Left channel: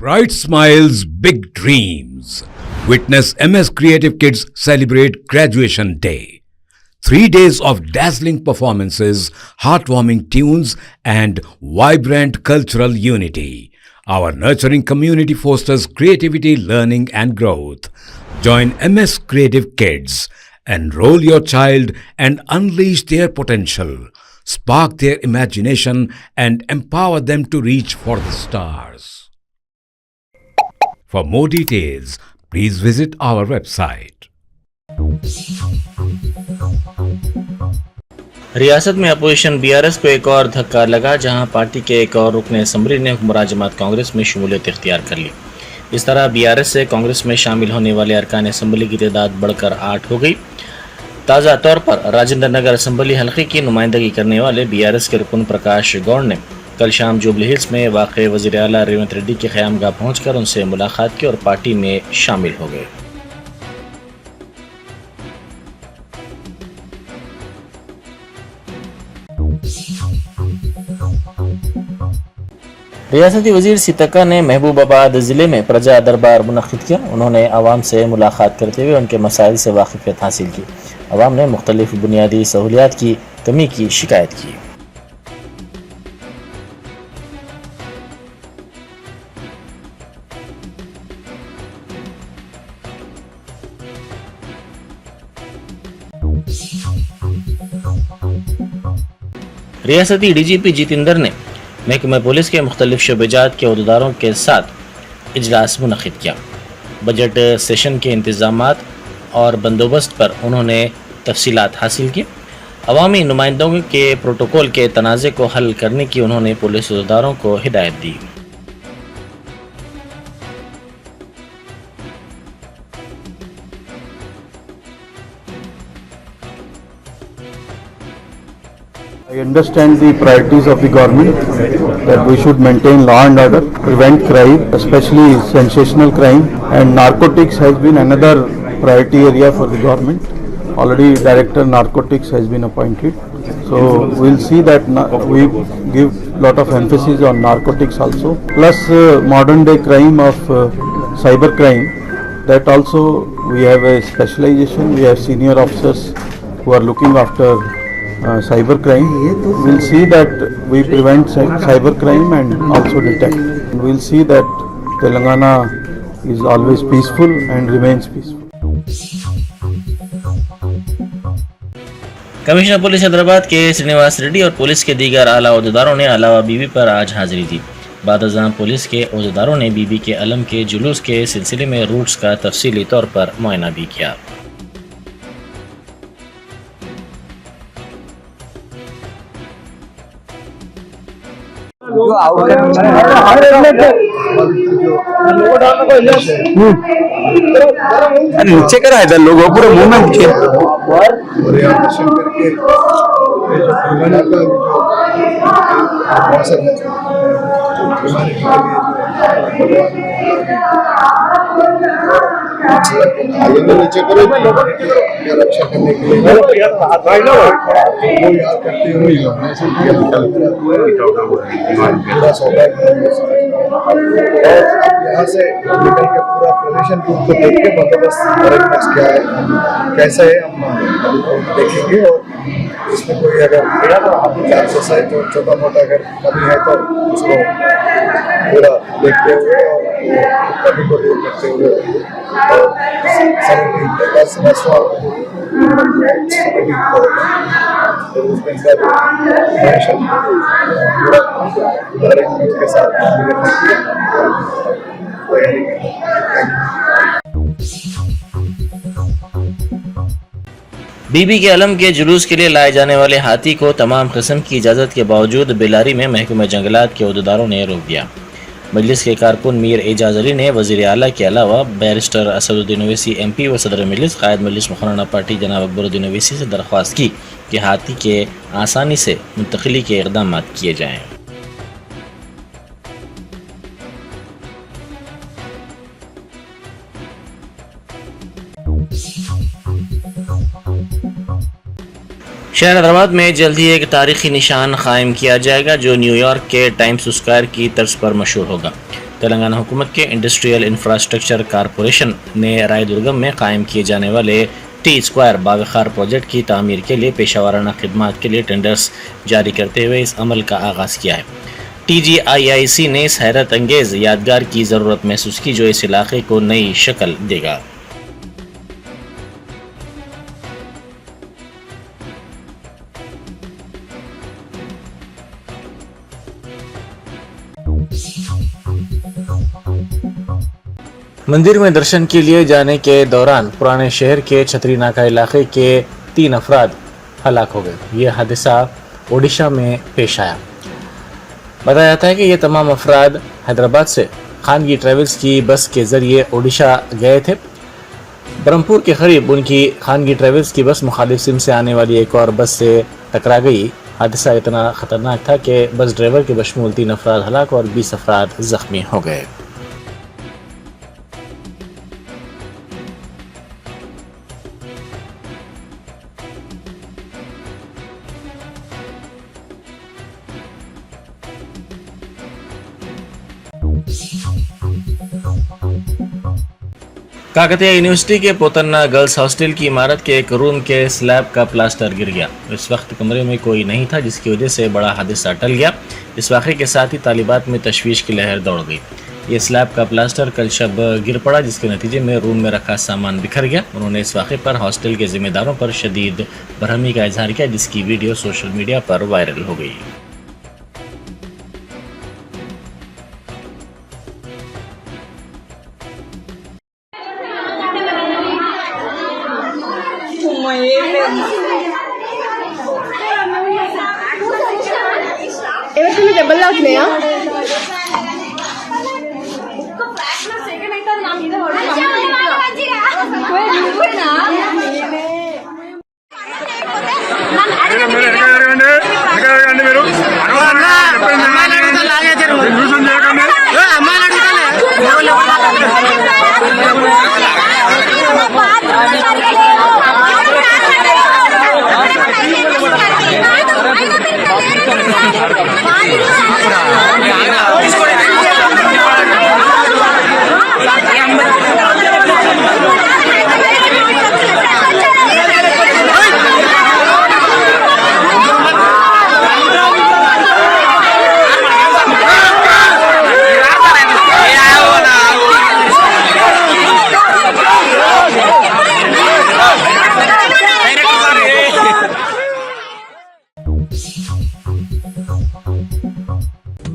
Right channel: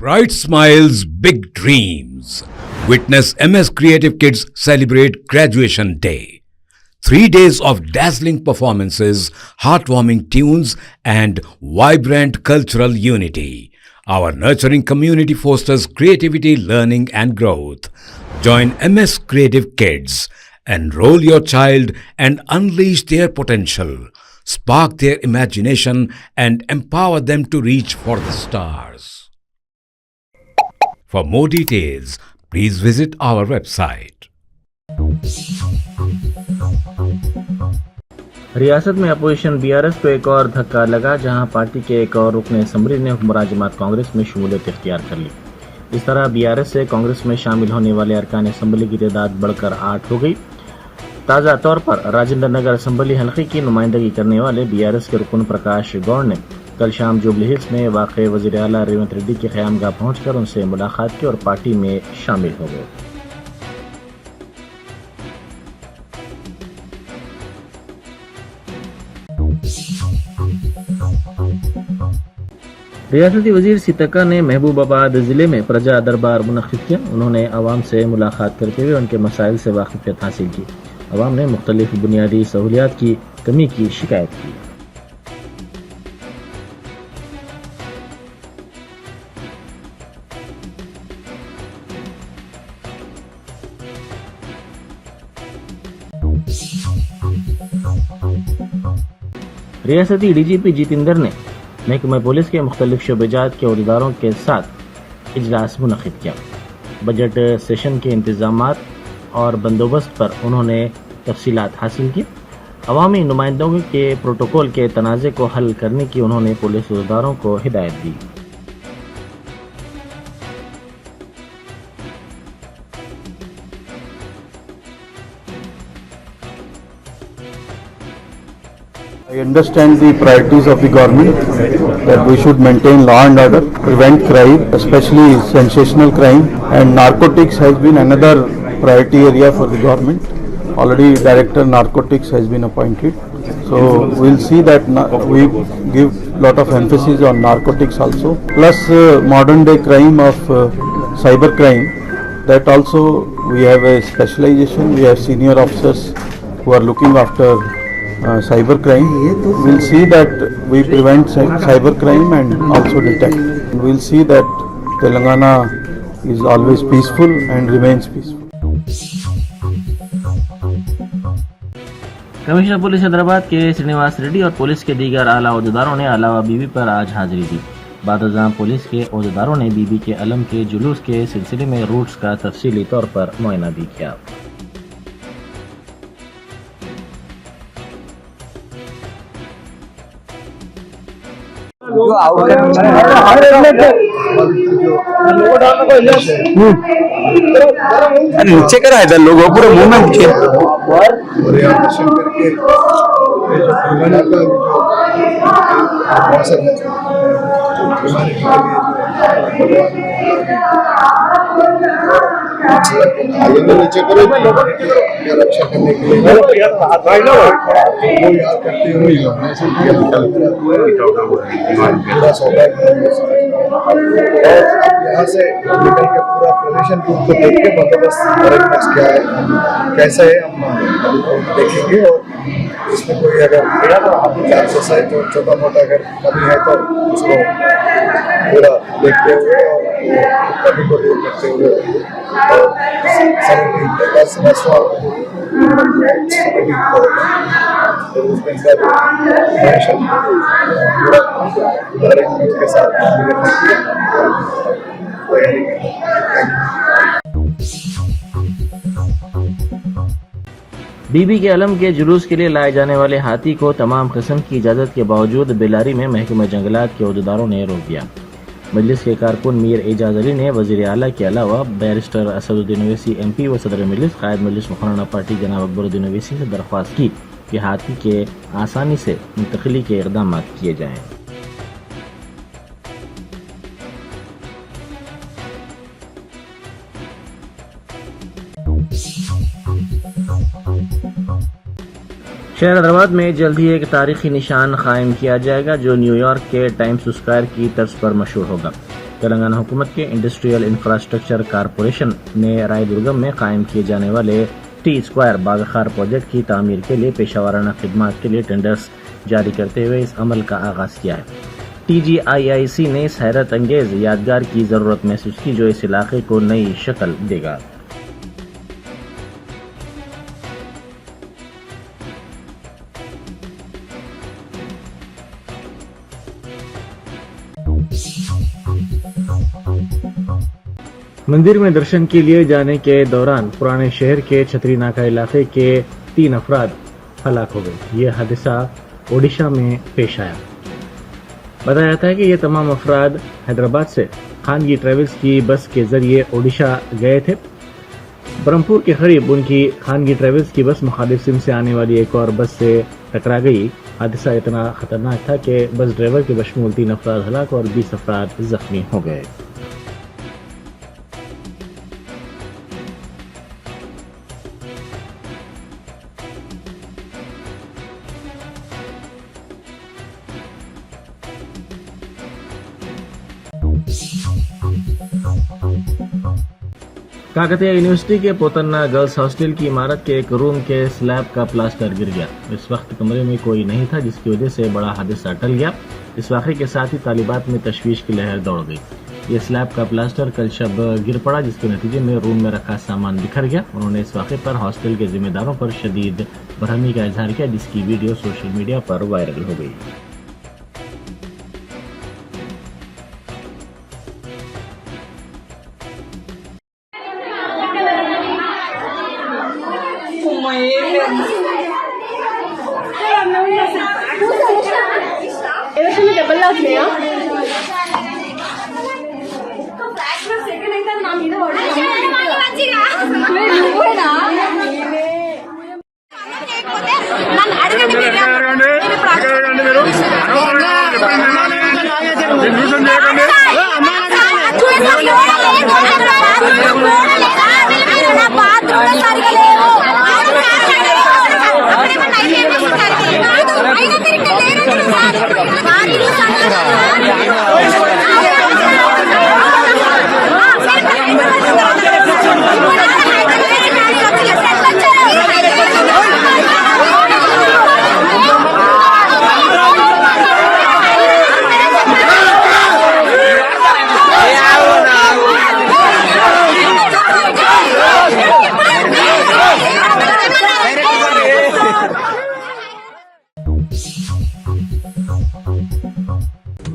Bright smiles, big dreams. Witness MS Creative Kids celebrate Graduation Day. 3 days of dazzling performances, heartwarming tunes, and vibrant cultural unity. Our nurturing community fosters creativity, learning, and growth. Join MS Creative Kids. Enroll your child and unleash their potential. Spark their imagination and empower them to reach for the stars. For more details, please visit our website. रियासत में opposition BRS को एक और धक्का लगा, जहां party के एक और रुकन असम्बली ने हुक्मरान जमात कांग्रेस में शमूलियत इख्तियार कर ली। इस तरह बीआरएस से कांग्रेस में शामिल होने वाले अरकान असम्बली की तादाद बढ़कर 8 हो गई। ताज़ा तौर पर राजेंद्र नगर असम्बली हल्के की नुमाइंदगी करने वाले बीआरएस के रुकन प्रकाश गौड़ ने कल शाम जुबली हिल्स में वाक़ वज़ीर आला रेवंत रेड्डी के क़यामगाह पहुंचकर उनसे मुलाकात की और पार्टी में शामिल हो गए। रियासती वजीर सीतक्का ने महबूबाबाद ज़िले में प्रजा दरबार मुनक़्क़िद किया। उन्होंने आवाम से मुलाकात करते हुए उनके मसाइल से वाक़िफ़ियत हासिल की। आवाम ने मुख्तलिफ़ बुनियादी सहूलियात की कमी की शिकायत की। रियासती डीजीपी जितेंद्र ने महकमा पुलिस के मुख्तलिफ शोबेजात के अहदेदारों के साथ इजलास मुनक़्क़िद किया। बजट सेशन के इंतज़ामात और बंदोबस्त पर उन्होंने तफसीलात हासिल की। अवामी नुमाइंदों के प्रोटोकॉल के तनाज़े को हल करने की उन्होंने पुलिस अहदेदारों को हिदायत दी। I understand the priorities of the government, that we should maintain law and order, prevent crime, especially sensational crime, and narcotics has been another priority area for the government. Already Director Narcotics has been appointed. So we'll see that we give lot of emphasis on narcotics also. Plus modern day crime of cyber crime, that also we have a specialization. We have senior officers who are looking after cyber crime. We'll see that we prevent cyber crime and also detect. We'll see that Telangana is always peaceful and remains peaceful. Commissioner police Hyderabad के श्रीनिवास रेड्डी और police के दीगर आला अहदेदारों ने अलावा बीबी पर आज हाजिरी दी। बादशाह पुलिस के अहदेदारों ने बीबी के अलम के जुलूस के सिलसिले में रूट्स का तफसीली तौर पर मुआयना भी किया। अरे नीचे करा है लोगों पूरे मुंह में मुझे नीचे करो रक्षा करने के लिए करते हुए यहाँ से निकल के पूरा प्रदर्शन को देख के बंदोबस्त क्या है, कैसा है, हम देखेंगे। और इसमें कोई अगर चांसेस है तो छोटा मोटा अगर कमी है तो उसको पूरा देखते हुए और कमी को दूर करते हुए और के साथ बीबी के अलम के जुलूस के लिए लाए जाने वाले हाथी को तमाम किस्म की इजाज़त के बावजूद बेलारी में महकमा जंगलात के अहदेदारों ने रोक दिया। मजलिस के कारकुन मीर एजाज अली ने वज़ीर आला के अलावा बैरिस्टर असदुद्दीन ओवैसी MP व सदर मजलिस कायद मजलिस मुखर्रना पार्टी जनाब अकबरुद्दीन ओवैसी से दरख्वास्त की कि हाथी के आसानी से मुंतकिली के इक़दाम किए जाएँ। शहर हैदराबाद में जल्द ही एक तारीखी निशान कायम किया जाएगा जो न्यूयॉर्क के टाइम्स स्क्वायर की तर्ज पर मशहूर होगा। तेलंगाना हुकूमत के इंडस्ट्रियल इंफ्रास्ट्रक्चर कारपोरेशन ने रायदुर्गम में कायम किए जाने वाले टी स्क्वायर बागखार प्रोजेक्ट की तामीर के लिए पेशा खिदमात के लिए टेंडर्स जारी करते हुए इस अमल का आगाज़ किया है। TGIIC ने इस हैरत अंगेज यादगार की ज़रूरत महसूस की जो इस इलाके को नई शक्ल देगा। मंदिर में दर्शन के लिए जाने के दौरान पुराने शहर के छतरी नाका इलाके के 3 अफराद हलाक हो गए। ये हादसा ओडिशा में पेश आया। बताया जाता है कि ये तमाम अफराद हैदराबाद से खानगी ट्रेवल्स की बस के ज़रिए ओडिशा गए थे। ब्रह्मपुर के करीब उनकी खानगी ट्रेवल्स की बस मुखालिफ सिंध से आने वाली एक और बस से टकरा गई। हादसा इतना ख़तरनाक था कि बस ड्राइवर के बशमूल 3 अफराद हलाक और 20 अफराद ज़ख्मी हो गए। काकतिया यूनिवर्सिटी के पोतन्ना गर्ल्स हॉस्टल की इमारत के एक रूम के स्लैब का प्लास्टर गिर गया। इस वक्त कमरे में कोई नहीं था जिसकी वजह से बड़ा हादसा टल गया। इस वाक़े के साथ ही तालिबात में तशवीश की लहर दौड़ गई। ये स्लैब का प्लास्टर कल शब गिर पड़ा जिसके नतीजे में रूम में रखा सामान बिखर गया। उन्होंने इस वाक़े पर हॉस्टल के जिम्मेदारों पर शदीद बरहमी का इजहार किया जिसकी वीडियो सोशल मीडिया पर वायरल हो गई। ఏమవుతుంది దెబ్బలు అవుతున్నాయా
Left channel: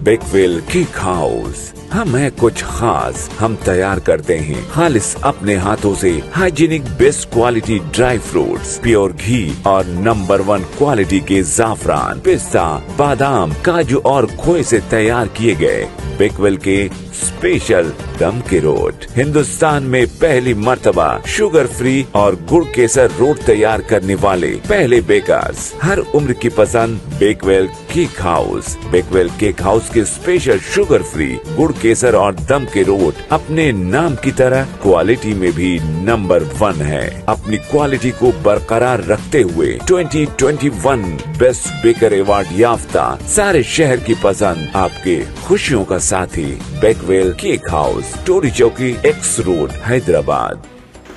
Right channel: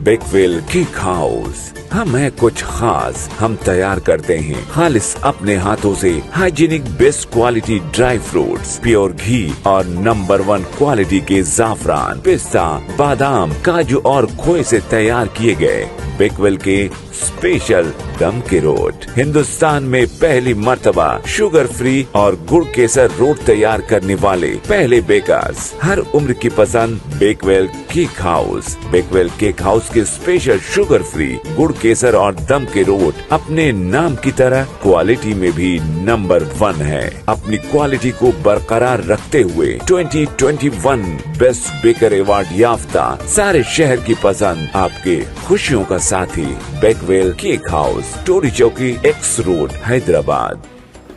बेकवेल केक हाउस। हम है कुछ खास, हम तैयार करते हैं खालिस अपने हाथों से hygienic best quality dry fruits, pure घी और नंबर 1 क्वालिटी के जाफरान, पिस्ता, बादाम, काजू और खोए से तैयार किए गए बेकवेल के स्पेशल दम के रोट। हिंदुस्तान में पहली मर्तबा शुगर फ्री और गुड़ केसर रोट तैयार करने वाले पहले बेकर्स। हर उम्र की पसंद Bakewell cake house. Bakewell cake house के स्पेशल शुगर फ्री, गुड़ केसर और दम के रोट अपने नाम की तरह क्वालिटी में भी नंबर 1 है। अपनी क्वालिटी को बरकरार रखते हुए 2021 बेस्ट बेकर अवार्ड याफ्ता सारे शहर की पसंद, आपके खुशियों का साथी बेकवेल केक हाउस, टोरी चौकी, एक्स रोड, हैदराबाद।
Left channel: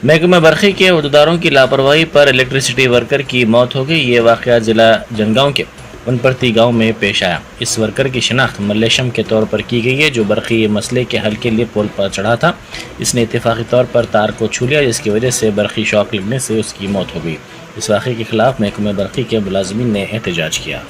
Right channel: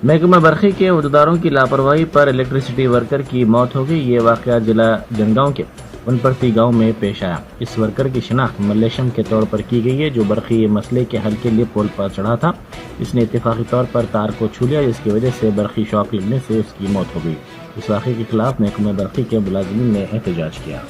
महकमा बरखी के उहदेदारों की लापरवाही पर इलेक्ट्रिसिटी वर्कर की मौत हो गई। ये वाक़या जिला जनगांव के उनपरती गांव में पेश आया। इस वर्कर की शिनाख्त मल्लेशम के तौर पर की गई है जो बरखी मसले के हल के लिए पोल पर चढ़ा था। इसने इत्तेफाकी तौर पर तार को छू लिया जिसकी वजह से बरखी शॉक लगने से उसकी मौत हो गई। इस वाक़े के खिलाफ महकमा बरखी के मुलाजमीन ने एहतजाज किया।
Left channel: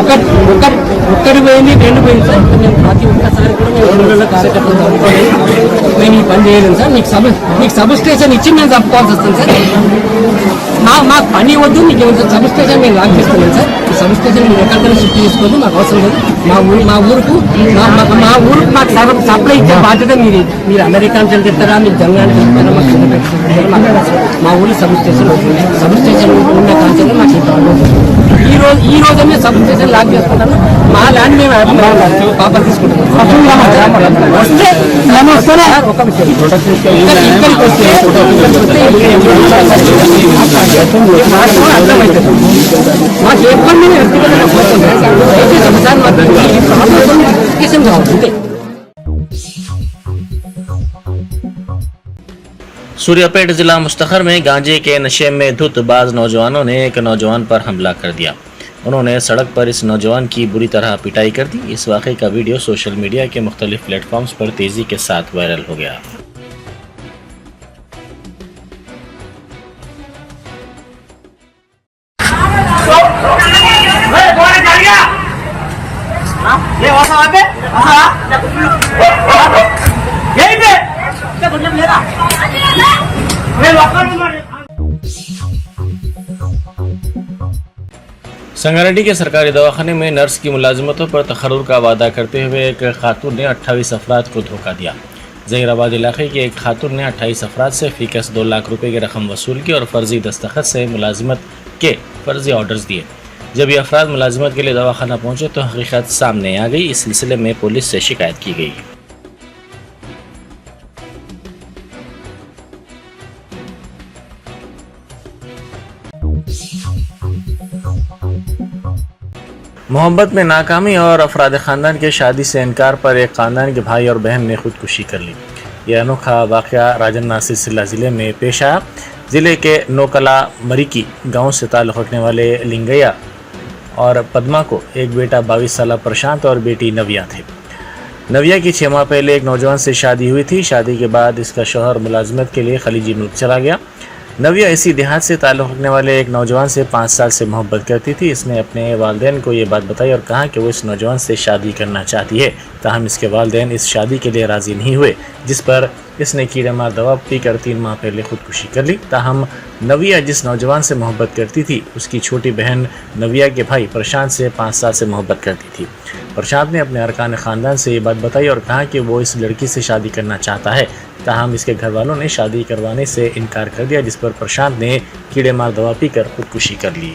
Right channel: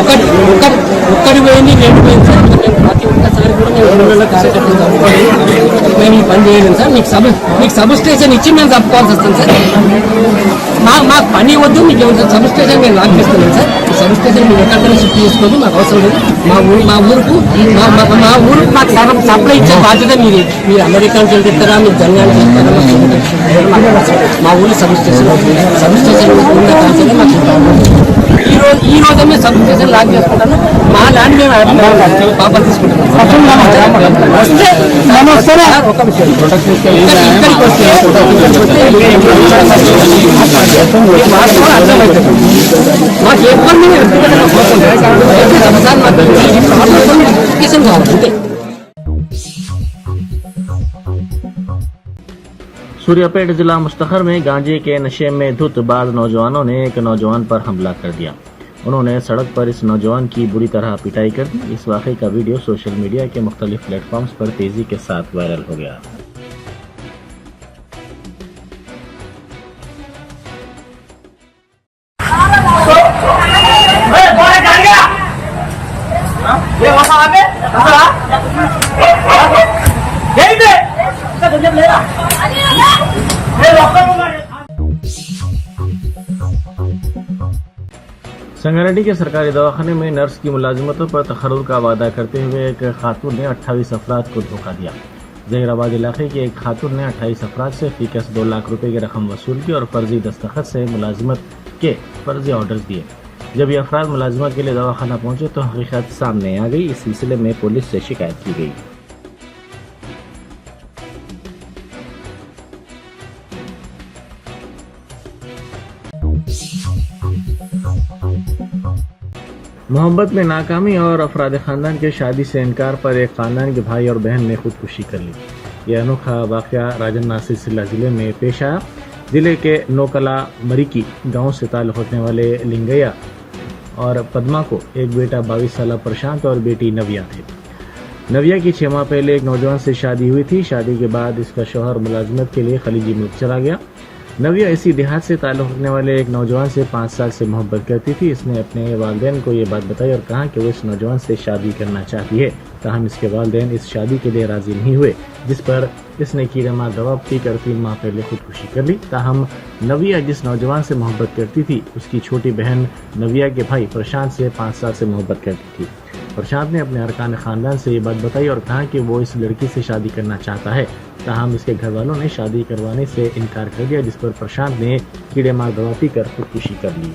ఒక్కడి పోయింది 2 పోయింది సార్. మేము ప్రతి ఒక్కసారి కూడా మేము ఊళ్ళో కార్యకర్తలు తప్పుకోవాలి, మేము ఈ పని చేయలేము సార్. మీకు సబ్ స్టేషన్ ఇచ్చి మేము తప్పుకోవాల్సి వస్తుంది సార్. మాకు పని వద్దు, మీకు ఏమన్నా సబ్ స్టేషన్ మేము లాగిస్తున్నాం సార్. ఈ సబ్ స్టేషన్ మీరు ఎక్కడికైనా షిఫ్ట్ చేసుకోవద్దు, మాకు అవసరం లేదు. మా ఊరుకు మాకు సప్లై ఇచ్చే బాధ్యత మీది. మీరు అమెరికా నుంచి వెళ్తారా, మీరు జంగాన్ని చేస్తారా, మాకు అవసరం. మా ఊళ్ళో సబ్ స్టేషన్ ఉన్న కాన్సెప్ట్ మాకు ఈ ప్రాబ్లం. ఈ రోజు మేము సబ్ స్టేషన్ లాక్ చేసుకుంటాను. మా ల్యాండ్ మేము పాప తీసుకుంటాం. వస్తే ఒక విషయం ఇక్కడికి వస్తే మాకు ఎప్పుడు సార్ మాకు ఈ ప్రాబ్లం ఎడ్యుకేషన్ కావాలి అంతే. सूर्यापेट जिला मुस्तखर में गांजे के नशे में धुत बाज नौजवानों ने एक नौजवान पर हमला कर दिया। उन्होंने सड़क पर इस नौजवान की बुरी तरह पिटाई कर दी। इस वाक़े का वीडियो सोशल मीडिया के मुख्तलिफ प्लेटफॉर्म्स पर तेज़ी के साथ वायरल हो गया। संगारेड्डी के सरकारी दवाखाने में नर्स की मुलाजिमतों पर तखर्रुर का वादा करते हुए एक खातून ने 28 अफराद को धोखा दिया। जहीराबाद इलाके की एक खातून ने 28 अफराद से फीकस 2 लाख रुपए की रकम वसूल की और फर्जी दस्तखत से मुलाजिमत के फर्जी ऑर्डर्स दिए। जब ये अफराद मुलाजिमत के लिए दवाखाना पहुंचे तो हकीकत सामने आ गई। इस सिलसिले में पुलिस से शिकायत की गई। मोहब्बत में नाकामी और अफराद ख़ानदान के शादी से इनकार पर एक ख़ानदान के भाई और बहन ने खुदकुशी कर ली। यह अनोखा वाक़या राजन नासिर सिल्ला ज़िले में पेश आया। ज़िले के नोकला मरीकी गांव से ताल्लुक़ रखने वाले लिंगैया और पद्मा को एक बेटा 22 साल प्रशांत और बेटी नव्या थे। नव्या की 6 माह पहले एक नौजवान से शादी हुई थी। शादी के बाद इसका शौहर मुलाजमत के लिए खलीजी मुल्क चला गया। नव्या इसी देहात से ताल्लुक़ रखने वाले एक नौजवान से 5 साल से मोहब्बत करती थी। इसने अपने वालिदैन को ये बात बताई और कहा कि वो इस नौजवान से शादी करना चाहती है। ताहम इसके वालिदैन इस शादी के लिए राज़ी नहीं हुए, जिस पर इसने कीड़े मार दवा पीकर 3 माह पहले खुदकुशी कर ली। ताहम नव्या जिस नौजवान से मोहब्बत करती थी उसकी छोटी बहन नव्या के भाई प्रशांत से 5 साल से मोहब्बत करती थी। प्रशांत ने अपने अरकान ख़ानदान से ये बात बताई और कहा कि वो इस लड़की से शादी करना चाहता है। ताहम इसके घर वालों ने शादी करवाने से इनकार कर दिया, जिस पर प्रशांत ने कीड़े मार दवा पीकर खुदकुशी कर ली।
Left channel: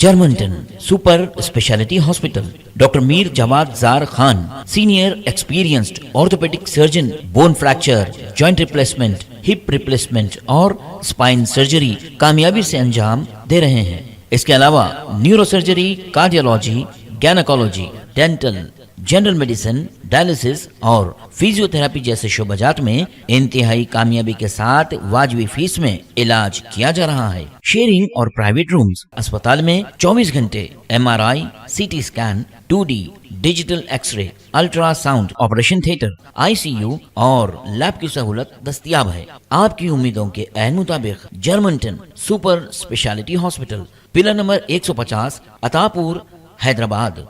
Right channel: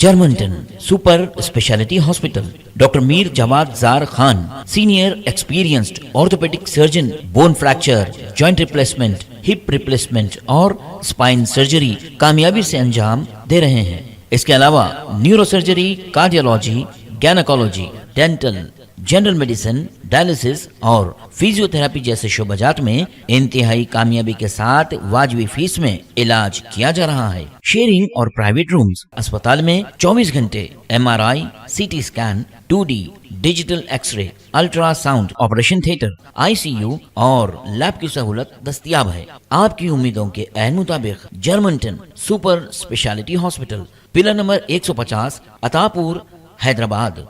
जर्मनटन super speciality hospital, doctor Mir Jawad Zar Khan, senior experienced orthopaedic surgeon, bone fracture, joint replacement, hip replacement और स्पाइन सर्जरी कामयाबी से अंजाम दे रहे हैं। इसके अलावा neuro surgery, cardiology, gynaecology, dental, general medicine, dialysis और फिजियोथेरेपी जैसे शोबाजात में इंतहाई कामयाबी के साथ वाजबी फीस में इलाज किया जा रहा है। शेयरिंग और प्राइवेट रूम्स, अस्पताल में 24 घंटे MRI, CT scan, 2D digital x-ray, ultrasound, operation theatre, ICU और लैब की सहूलत दस्तयाब है। आपकी उम्मीदों के ऐन मुताबिक Germanton super speciality hospital, pillar number 150, Attapur, Hyderabad.